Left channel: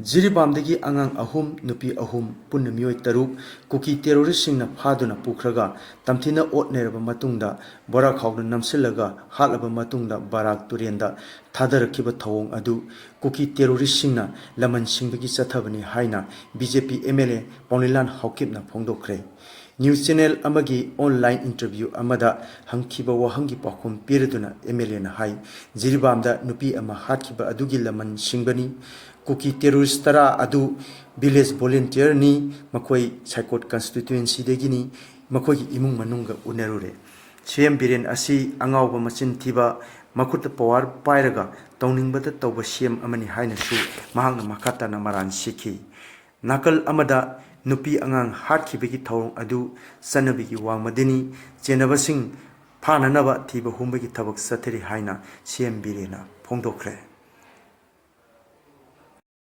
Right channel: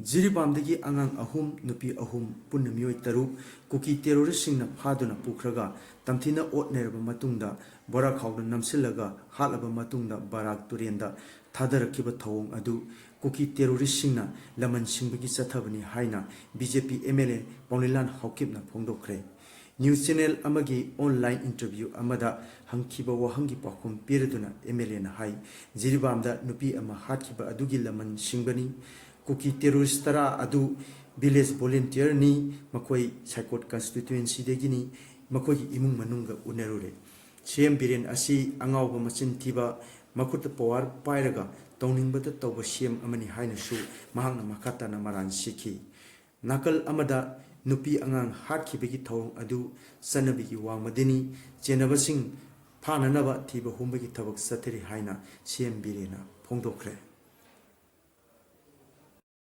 ꯖꯤꯔꯤꯕꯥꯝꯗꯒꯤ ꯑꯉꯥꯡ ꯑꯍꯨꯝ ꯅꯨꯄꯤ ꯑꯍꯨꯝ ꯄꯨꯟꯅ ꯃꯤꯑꯣꯏ ꯇꯔꯨꯛ ꯀꯨꯀꯤ ꯇꯦꯔꯣꯔꯤꯁꯁꯤꯡꯅ ꯐꯥꯗꯨꯅ ꯄꯨꯈ꯭ꯔꯒ ꯇꯝꯊꯤꯅ ꯑꯣꯠꯅꯔꯕ ꯃꯇꯨꯡꯗ ꯕꯣꯔꯥ ꯈꯥꯎꯗ ꯅꯝꯁꯤꯜꯂꯒ ꯍꯥꯠꯂꯕ ꯃꯇꯨꯡꯗ ꯕꯥꯔꯥꯛ ꯇꯨꯔꯦꯟꯗ ꯊꯥꯗꯔꯛꯈꯤꯕ ꯊꯧꯑꯣꯡ ꯑꯗꯨ ꯀꯨꯀꯤ ꯇꯦꯔꯣꯔꯤꯁꯁꯤꯡꯅ ꯂꯃꯟ ꯁꯤꯡꯕꯒꯤ ꯆꯠꯊꯕꯅꯤ ꯍꯥꯏꯅ ꯕꯤꯖꯦꯄꯤ MLA ꯄꯥꯎꯅꯤꯂꯥꯟ ꯍꯥꯎꯀꯤꯞꯅ ꯐꯣꯡꯗꯣꯛꯈ꯭ꯔꯦ꯫ ꯅ꯭ꯌꯨꯁ ꯆꯦꯅꯦꯜ ꯑꯃꯒꯤ ꯑꯣꯟꯂꯥꯏꯟ ꯏꯟꯇꯔꯚ꯭ꯌꯨ ꯑꯃꯗ ꯍꯪꯈꯤꯕ ꯋꯥꯍꯪꯒꯤ ꯄꯥꯎꯈꯨꯝ ꯄꯤꯔꯗꯨꯅ MLAꯅ ꯍꯥꯏ ꯖꯤꯔꯤꯕꯥꯝꯗ ꯅꯨꯄꯤ ꯑꯃ ꯍꯥꯠꯈꯤꯕ ꯑꯗꯨꯒꯤ ꯂꯃꯟ ꯁꯤꯡꯕꯅꯤ꯫ ꯀꯨꯀꯤ ꯇꯦꯔꯣꯔꯤꯁ ꯇꯔꯥ ꯑꯗꯨ ꯚꯤꯂꯦꯖ ꯚꯣꯂꯨꯟꯇꯤꯌꯔꯅꯤ, ꯃꯈꯣꯏ ꯁꯥꯏꯀꯣꯠ ꯀꯟꯁꯇꯤꯇ꯭ꯌꯨꯑꯦꯟꯁꯤꯗꯒꯤꯅꯤ, ꯃꯈꯣꯏꯒꯤ ꯏꯃꯨꯡ ꯃꯅꯨꯡꯒ ꯎꯅꯔꯨꯔꯦ꯫ ꯁꯤ.ꯑꯦꯝ ꯕꯤꯔꯦꯟ ꯑꯁꯤ ꯑꯉꯥꯎꯕ ꯃꯆꯤꯟ ꯊꯤꯕ, ꯃꯈꯨꯠꯇ ꯄꯋꯥꯔ ꯄꯥꯏꯔꯒ ꯇꯧꯅꯤꯡꯕꯇ ꯇꯧꯕ ꯁꯤ.ꯑꯦꯝ ꯑꯃꯅꯤ ꯍꯥꯏꯅꯁꯨ ꯃꯍꯥꯛꯅ ꯃꯈꯥ ꯇꯥꯅ ꯃꯔꯥꯜ ꯁꯤꯈꯤ꯫ ꯅꯥꯀꯜ ꯑꯃꯗ ꯅꯨꯄꯤ ꯑꯉꯥꯡ ꯍꯥꯠꯈꯤꯕꯒꯤ ꯊꯧꯑꯣꯡ ꯑꯗꯨ ꯆꯠꯅꯕꯤꯒꯤ ꯋꯥꯡꯃꯗꯅꯤ, ꯆꯦꯟꯅꯕꯁꯤꯡ ꯐꯥꯅꯅꯕ ꯊꯤꯕ ꯍꯨꯝꯕꯒꯤ ꯊꯕꯛ ꯆꯠꯊꯔꯤ ꯍꯥꯏꯅ ꯁꯤ.ꯑꯦꯝ ꯕꯤꯔꯦꯟꯅ ꯐꯣꯡꯗꯣꯛꯈ꯭ꯔꯦ꯫